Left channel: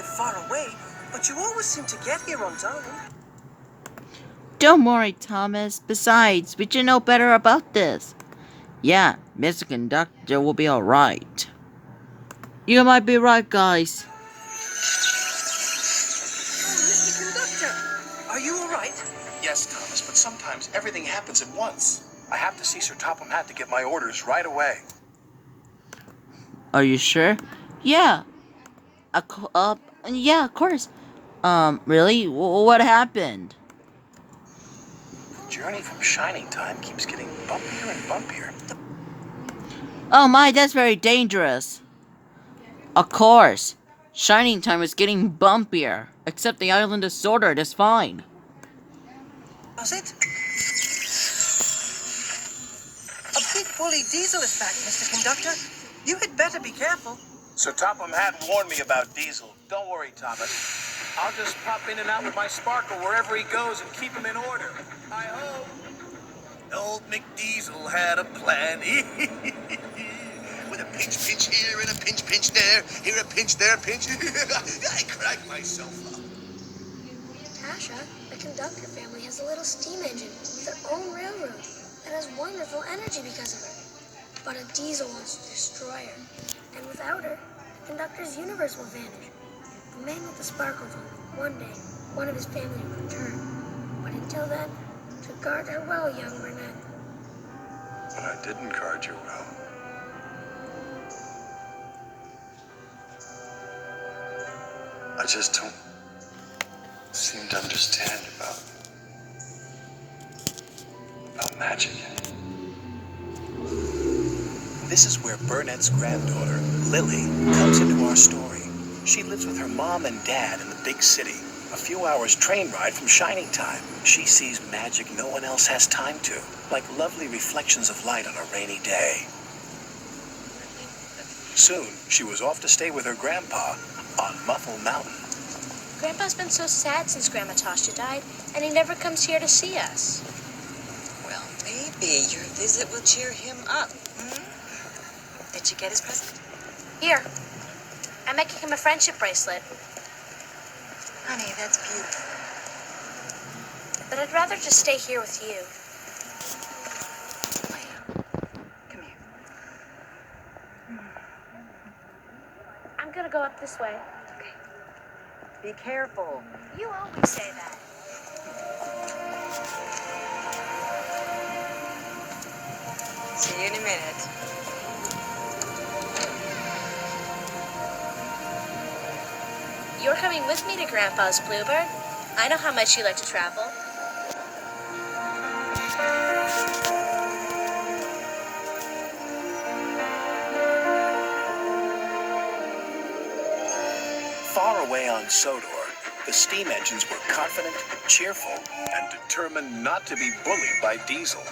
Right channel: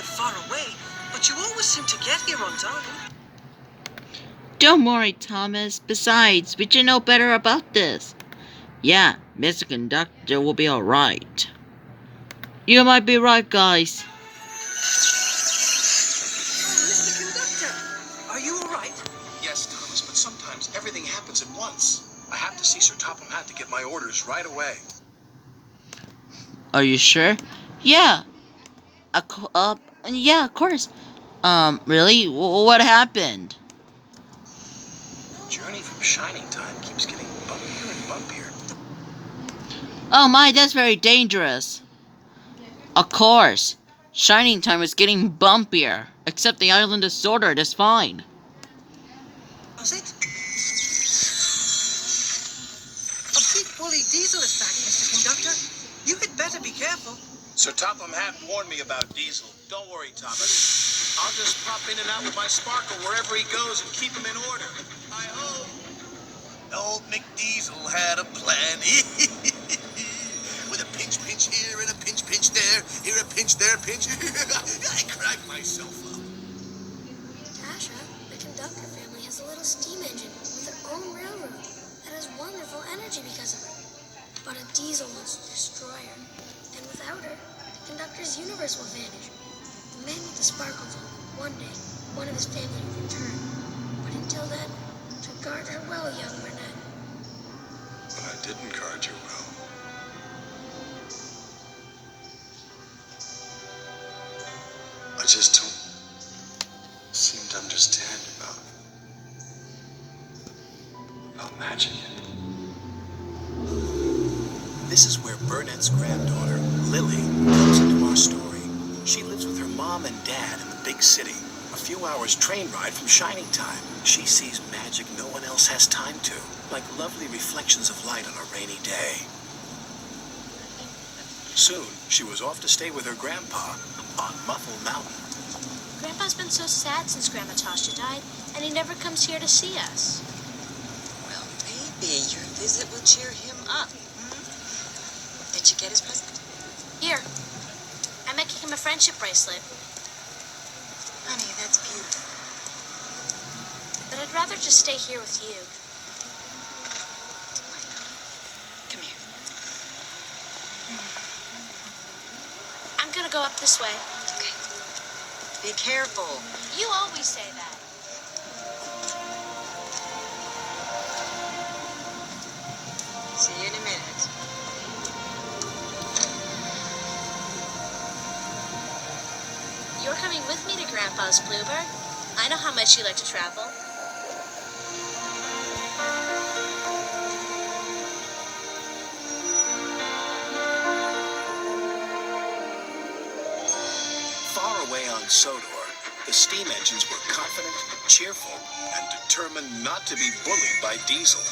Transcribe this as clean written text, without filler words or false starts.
live far away, but you always seem to get here on time. Don't worry, Thomas. Besides, we should know better about this. Yeah, Mr. Conductor will be alright. You might be right, guys. Oh, Mr. Conductor, are you all right? Yes, Thomas, but sometimes everything happens at once. I have to see Sir Topham Hatt to get my orders right away. Are you sure? Yeah. Yeah, of course. Really? What happened? The journey from Shining Time keeps getting bumpier and bumpier. Oh my, that's very dangerous. Of course. Shining Time is getting bumpier. Except the island of Swordard is fine. Was it? A big bully Diesel is back, Mr. Conductor. You had better be careful. Sir Topham Hatt warned me about Diesel. Don't worry, Thomas. I'll just pop in and out with my sparkle wherever he goes and keep him in order. I hope. Old McDiesel had a plan. With a pinch here and a pinch there. Here a pinch, there a pinch. I cracked myself up. Tasha, the Conductor family has a little steam engine with their own railroad that has wonderful energy because of her. But a Diesel wants to destroy her. And without her, the Conductor's universe will vanish. The man with the sparkles on one day, one of his family will return. But until then, so guard her well, young Burnett. But I didn't guard you well. I just don't seem to understand about magic. This is where Burnett's granddaughter, Lily, comes into our story. She lives with her mom and dad in the big city. A few hours train ride from Shining Time. She sees magic no one else has time to, like lovely reflections of light on a rainy day. Soon, she was off to stay with her grandpa on Muffle Mountain. Grandpa's been so sad since Grandma Tasha died, and he never comes here to see us. Well, maybe your visit will cheer him up. Did you get his present? Here. I'm making him a friendship bracelet, Honey, that's beautiful. but I'd rather just stay here with you. Come here. I'm gonna go up this way. Okay. Be careful. You always say that. See you in a minute. You're coming with me to Grandpa's, Bluebird. I know how much you like to travel. Far away on Sodor, the steam engines were confident, cheerful, and determined not to be bullied by Diesel.